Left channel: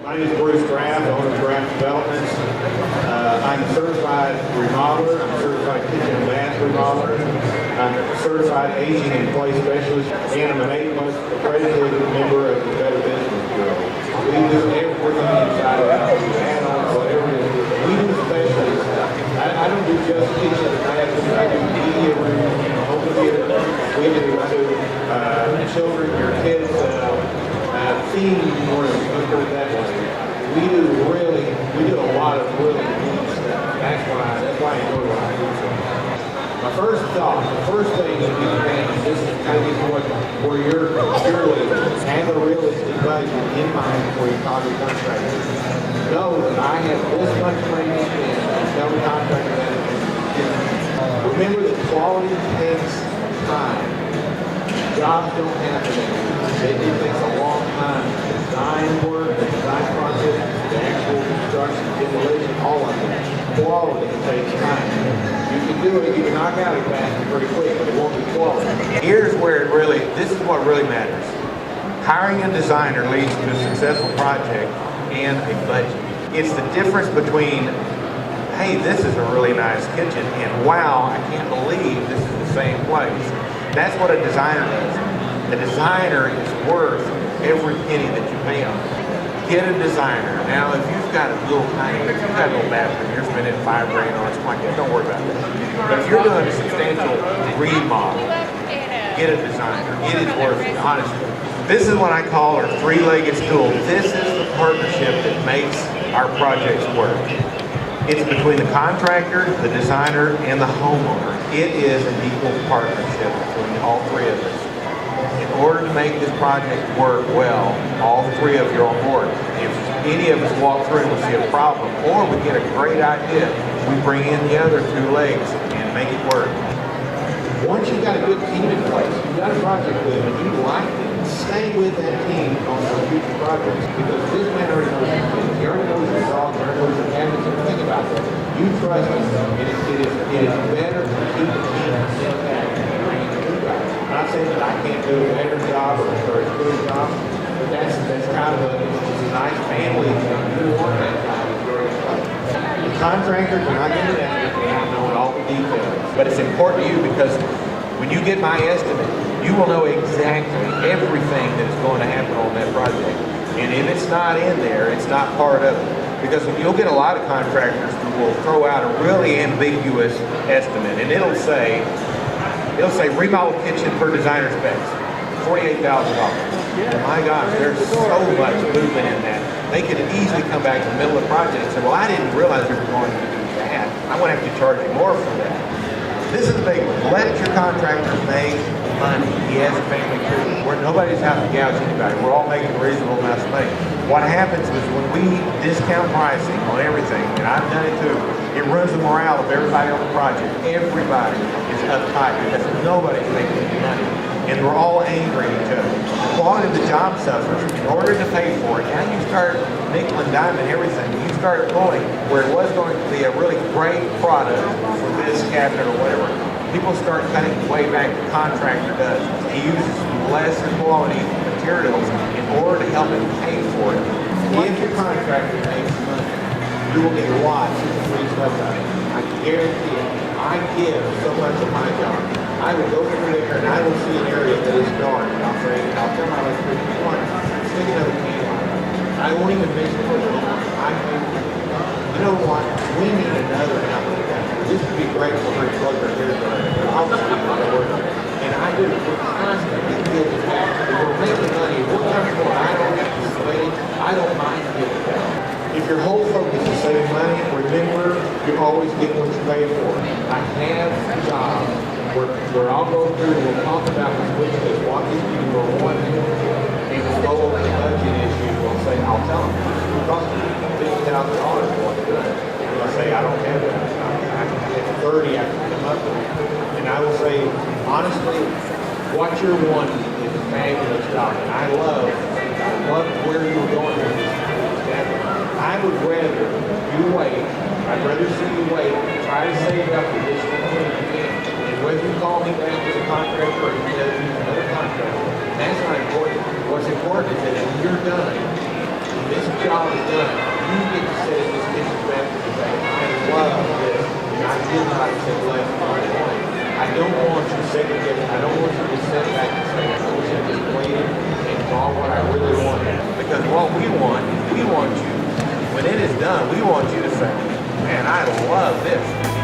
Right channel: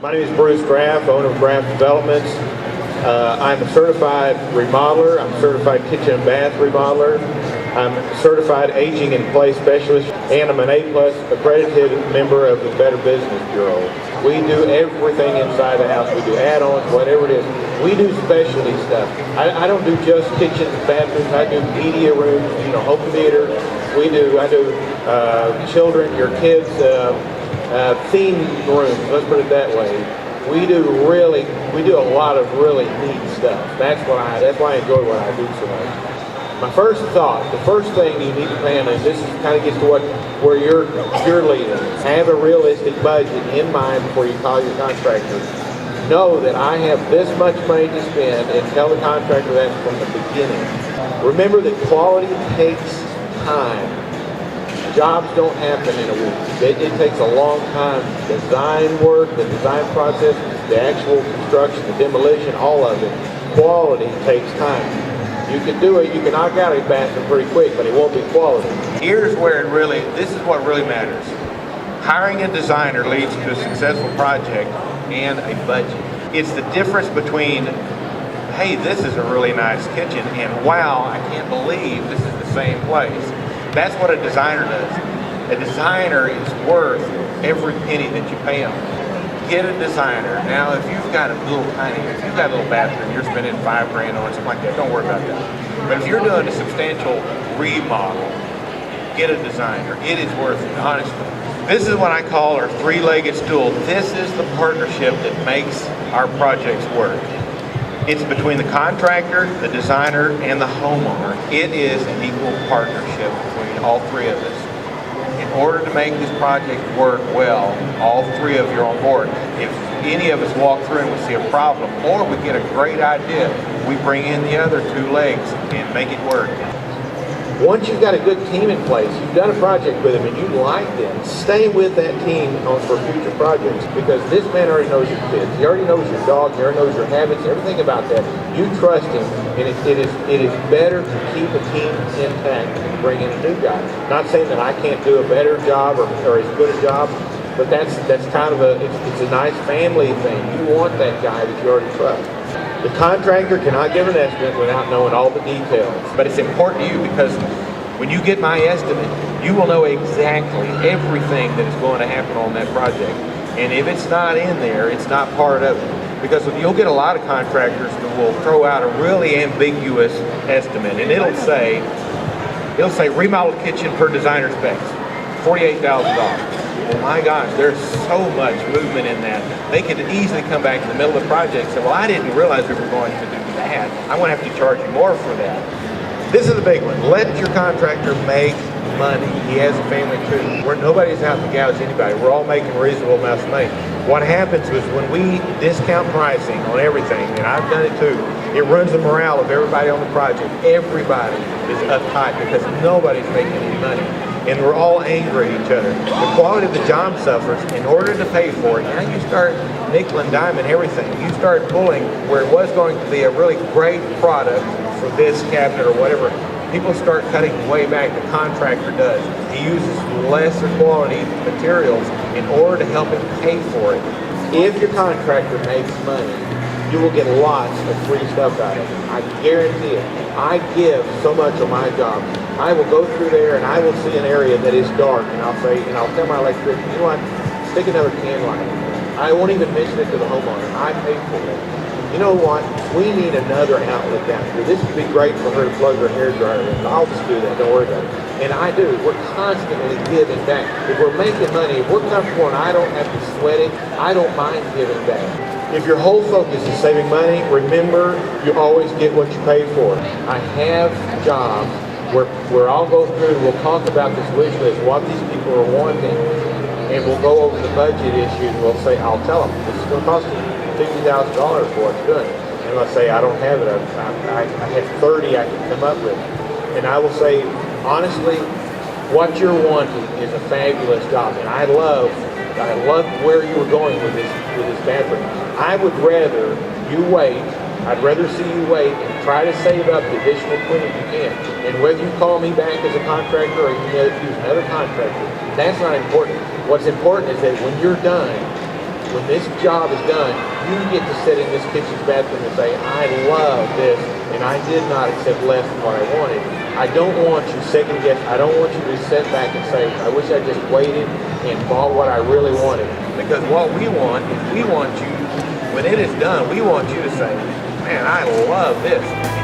My name is Bruce Graf, owner of Graf Developments. I'm a certified remodeler. I'm a certified kitchen and bath remodeler. I'm a certified aging in place specialist, and I'm an A+ accredited member of the Better Business Bureau. We do everything inside the house. We do add-ons, whatever it is. We do specialty stuff. I don't do just kitchens and bathrooms. I do media rooms, home theater. I do children, your kids, theme rooms, let's put it that way. We do a lot of really neat stuff. That's why I enjoy what I do so much. My first thought, the first thing you need to plan is this is kind of gets to where you're leading. Have a realistic budget in mind before you call your contractor. Know that I have this much money to spend, and tell the contractor that from the beginning. Remember that quality takes time. Jobs don't happen in a week. It takes a long time. Design work, the design process, the actual construction, the demolition, all of it. Quality takes time. You can do it, you can knock out a bathroom pretty quick, but it won't be quality. Here's where this is what really matters. Hiring a designer leads to a successful project and a budget. It's the difference between, hey, this is a really nice kitchen, and wow, I can't believe this is the same place. That's what a designer does. A designer is worth every penny that you pay them. Get a designer. Now, if you've got a little bathroom, you're spending $5 on something like that, don't worry about that. But if you're doing a substantial remodel, get a designer. It is worth it, honestly. This is what I call our three-legged stool. This is the partnership that makes our projects work. It's between the contractor, the designer, and the homeowner. It is an equal partnership between all three of us. In order to make this project work well, all three of you are on board. If any of us walk through and we see a problem, or we get a great idea, we bring in the other two legs and make it work. Once you've got a good team in place, you've done a project with them and you like them, stay with that team for future projects, because this man already knows your kids. He already knows your dog, he already knows your habits, everything about that. You trust him, and it is better to keep the team intact than bring in a new guy. Not saying that I can't do a better job or as good a job, but that's kind of it's a nice family thing. You want that guy that you already trust. The contractor cannot give an estimate without knowing all the details. But it's important to you, because when you get my estimate, you will know exactly everything that is going to happen on that project. And if it's not in there, it's not part of it. Because you'll get a lot of contractors who will throw out a really ambiguous estimate, and it'll say remodel kitchen per designer specs, $48,000. Oh my gosh, there's so much movement in that. They could easily come back in the middle of the project and say, well, I didn't realize we were going to do that. I'm going to have to charge you more for that. This is the big one. Let your contractor make money. He has a family too. Nobody's out to gouge anybody. We're all making reasonable amounts of money. What happens is when we discount pricing on everything, and I've done it too, it runs the morale of everybody on the project. Everybody is uptight because nobody's making any money. And we're all angry at each other. The quality of the job suffers. In order to pay for it, now you start nickel and diming everything. You start pulling where it was going to be a really great product for this cabinet or whatever. People start cutting way back. The contractor does. He uses lesser quality materials in order to help him pay for it. If your contractor makes money, you will get lots of free stuff out of it. I guarantee it. I give so much of my job. I will go through there and I will see an area that is dark, and I'll say, I'll tell my electrician, you know what, stick another can light. I won't even mention it to the homeowner. I pay for it. You know what? We need another outlet down here. This would be great for her to plug her hair dryer. I'll just do that. Don't worry about it. And I do. We're constantly giving back. If we're making money, if we're comfortable and I don't have to sweat it, I don't mind giving back. If your whole focus is saving money, remember, you always get what you pay for. I have jobs where I'll go through and we'll talk about this wish list, what these people are wanting, and we'll go over the budget issue. We'll say, I'll tell them, this is going to cost me $50,000 for what I'm doing. And I'll say, I don't have it. I have 30 I can come up with. And I will say, honestly, what you're wanting is a fabulous job. And I love where you were going with this bathroom. I would rather you wait. I'd rather see you wait and try to save up the additional 20 you can. And whether you call me back as a contractor or you use another contractor, that's not important. What's important is that when you're done, when this job is done, you get to sit in this kitchen bathroom and say, I love this, and I did not accept less than what I wanted. I don't want you second guess. I don't want you to sit back and say, I wish I just waited and bought what I really wanted. Because what we want is we want you, when it is done, we want you to say, man, I love this.